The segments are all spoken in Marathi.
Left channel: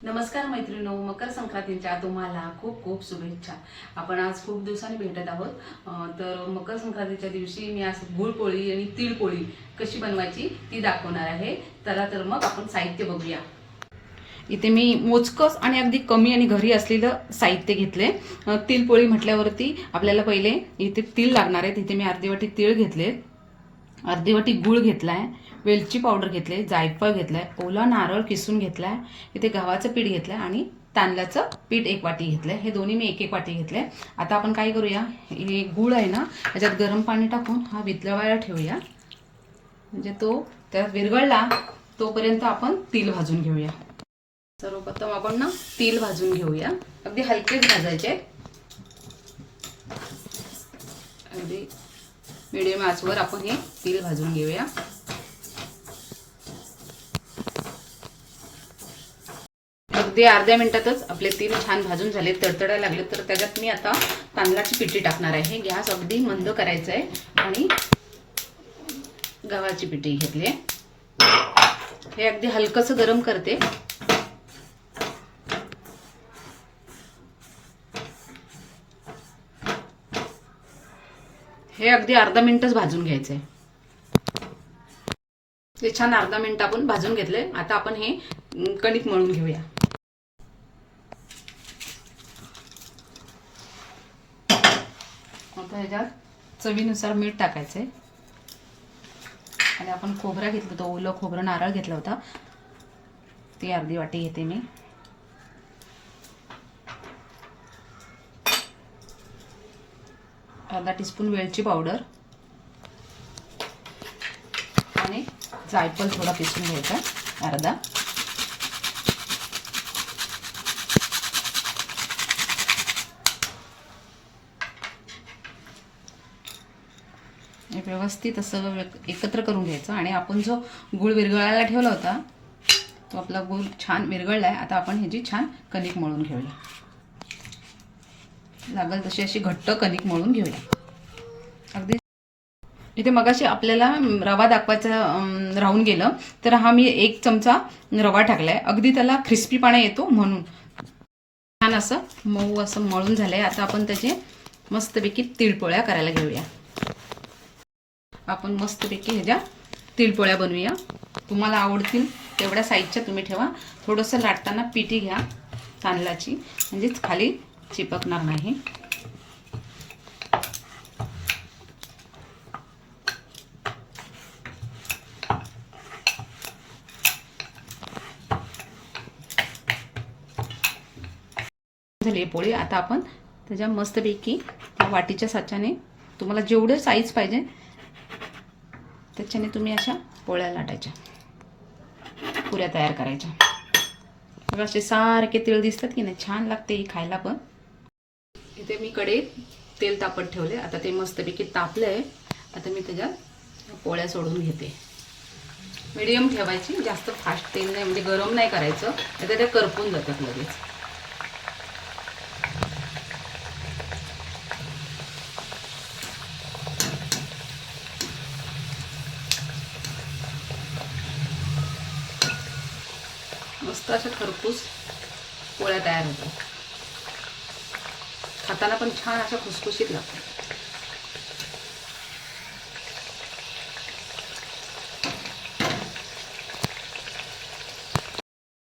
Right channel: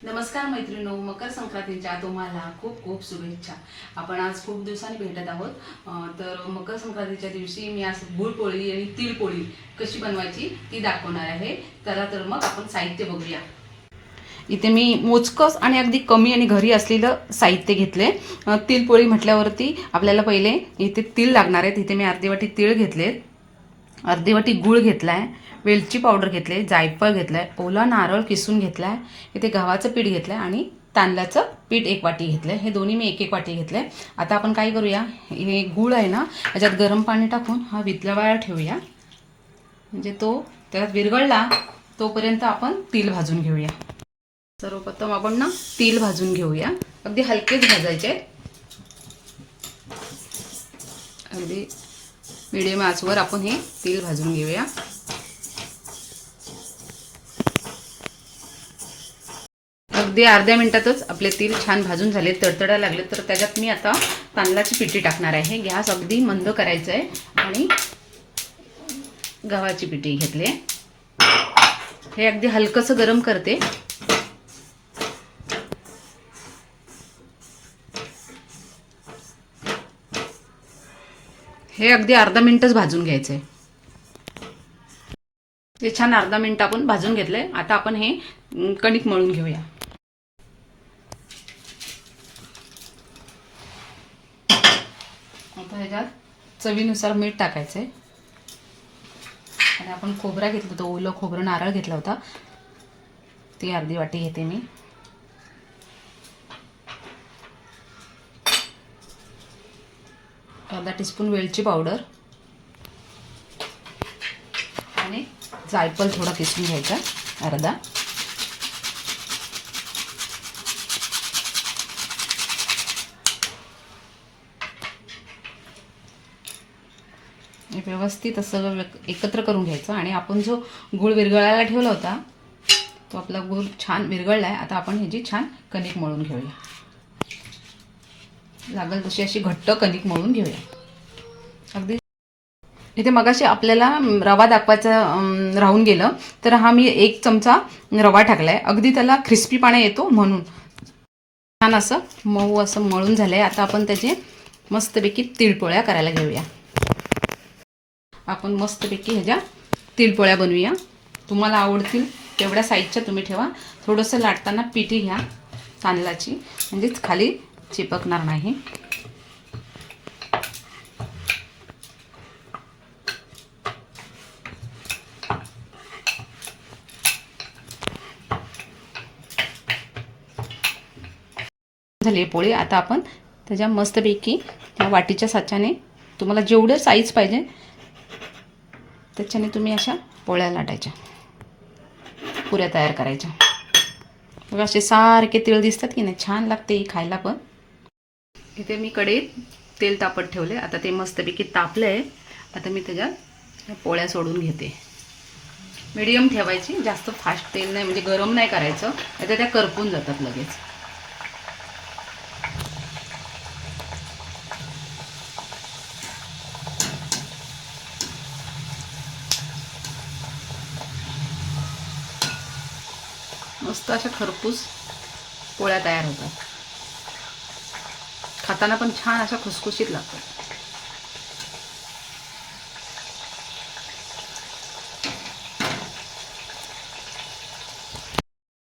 नमस्कार मैत्रिणो, मकर संक्रांतीच्या तुम्हाला खूप खूप शुभेच्छा। आपण आज खूप दिवसांनी भेटत आहोत। तर मकर संक्रांतीच्या दिवशी मी आज गुळपोळी आणि तिळपोळी कशी बनवायची ती दाखवणार आहे। चला तर मग आपण साहित्य बघूया। इथे मी मोजकस आणि अगदी कमी आणि घरी असलेलं साहित्य घेतले। तिळपोळी म्हटल्यावरती आपल्याला पहिले इथे तीळ लागणार आहेत। इथे मी अर्धी वाटी तीळ घेतले, अर्धी वाटी गूळ घेतलाय, वेलची पावडर घेतले, जायफळ घेतलाय, ओला नारळ किसून घेतलाय, इथे गव्हाचं पीठ घेतलंय आणि तांदळाचं पीठ 1 वाटी घेतलंय। हे दोन्ही मी 1 वाटी घेतले। आता आपण काय करूया, हे गूळ आहे ना याच्यात गरम पाणी टाकून हा वितळवायला ठेवूया। म्हणजे तो त्यात विरघळला तोपर्यंत आपण तीळ भाजून घेऊया। सर्वप्रथम आपण ना तीळ भाजून घेऊया। अगदी हलकेच भाजायचे, अगदी मीडियम आचवर आपण हे तीळ भाजून घेऊया। अगदी अर्ध्या मिनिटातच आपले तीळ छान भाजून झाले, तडतडायला लागले। तर त्याच्यात मी आता तांदळाची पिठी टाकणार आहे। गॅस अगदी मंद करायचा आहे आणि गव्हाची पिठी घेतली, हे अगदी हलकंसं गरम करते। हे अगदी अर्धा मिनिटच भाजून घ्यायचंय। हे छान अर्धा मिनिट आपण भाजून घेतले। आता आपण हे कणिक मळून घेऊया। आता ह्याच्यात चवीनुसार मीठ टाकायचंय आणि आपण खोबरा घेतलं होतं, ओलं खोबरं नारळ घेतला होता, ती अर्धी वाटी घेते मी। अर्धा टीस्पून वेलची पावडर आणि जायफळ थोडा किसून घ्यायचा, अर्धा। व्यवस्थित असं एकत्र करून घ्यायचं आणि आपण जो गूळ विरघळायला ठेवला होता तो आपला गूळ छान विरघळलाय। आता आपण ह्याची छान कणिक मळून घेऊया। लागल तशी अशी घट्ट कणिक मळून घेऊया। अगदी इथे मगाशी आपल्याला रवा दाखवायचा राहून गेलं, तर हा मी 1 चमचा रवा टाकलाय। अगदी त्याला क्रिस्पीपणा येतो म्हणून छान असं मऊ असं मळून झालंय। आता आपण त्याचे मस्तपैकी तिळपोळ्या करायला घेऊया। आपण मस्तपैकी ह्याच्या तिळपोळ्या बनवूया। तुम्हाला आवडतील तेवढ्या साईजच्या तुम्ही ठेवा। थोडंसं लाटताना पिठी घ्या तांदळाची, म्हणजेच खाली चिपकणार नाही। झाली पोळी। आता आपण त्याच्या मस्तपैकी त्या वाटीच्या साच्याने तुम्हाला जेवढे साईज पाहिजे त्याच्याने तुम्ही अशा पोळ्या लाटायच्या, पुऱ्या तयार करायच्या। बघा असे सारखे तीळ दिसतात की नाही, छान लागते ही खायला पण। इथे मी कढईत तेल तापत ठेवले, आता ते मस्तपैकी तापलंय। आता मी त्याच्यात पोळ्या सोडून घेते। मीडियम ठेवायची, जास्त फास्ट तेल नाही, म्हणजे गरम नाही करायचं, आता त्या करपून जातात लगेच। मस्त अशा खरपूस पोळ्या तयार होतात, खाताना पण छान अशा खुसखुशीत लागतात।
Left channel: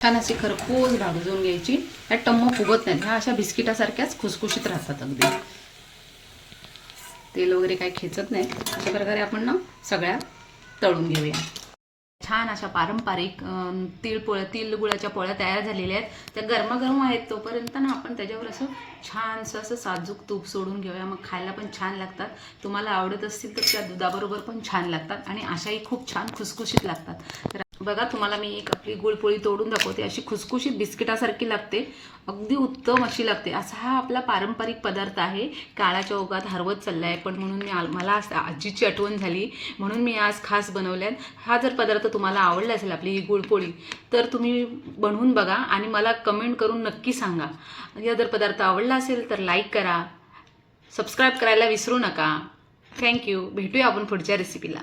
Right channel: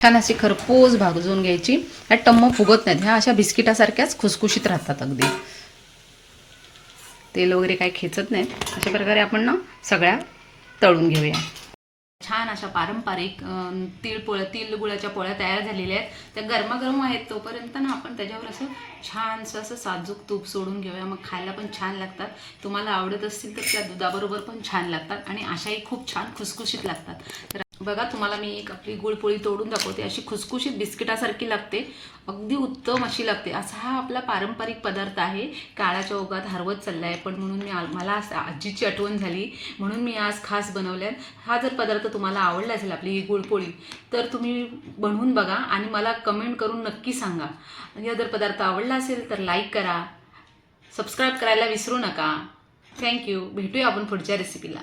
छान अशी खरपूस भाजून घ्यायची, ह्या टम्म फुगत नाहीत, ह्या अशा बिस्किटासारख्याच खुसखुशीत राहतात अगदी, तेल वगैरे काही खेचत नाहीत। अशा प्रकारे आपण ना सगळ्या तळून घेऊया। छान अशा पारंपरिक तीळ गुळाच्या पोळ्या तयार झालेल्या आहेत। त्या गरमागरम आहेत तोपर्यंत ना आपण त्याच्यावर असं छानसं असं साजूक तूप सोडून घेऊया, मग खायला पण छान लागतात। तुम्हाला आवडत असतील तर त्या दुधाबरोबर पण छान लागतात आणि अशाही खूप छान खुसखुशीत लागतात। तर बघा, तुम्हाला मी एक आपली गुळपोळी तोडून दाखवते, अशी खुसखुशीत बिस्किटासारखी लागते, अगदी उत्तम अशी लागते। असा हा आपला पारंपरिक पदार्थ आहे, काळाच्या ओघात हरवत चाललाय, पण म्हणून मला आजीची आठवण झाली म्हणून मी आज खास बनवल्यात। हा जर पदार्थ तुम्हाला आवडला असेल, आपली ही गुळपोळी, तर तुम्ही बनवून बघा आणि मला कमेंट करून नक्की सांगा। हा जर पदार्थ आवडला असेल तर लाईक करा, सबस्क्राईब करायला विसरू नका। थँक्यू। भेटूया आपण पुढच्या रेसिपीला।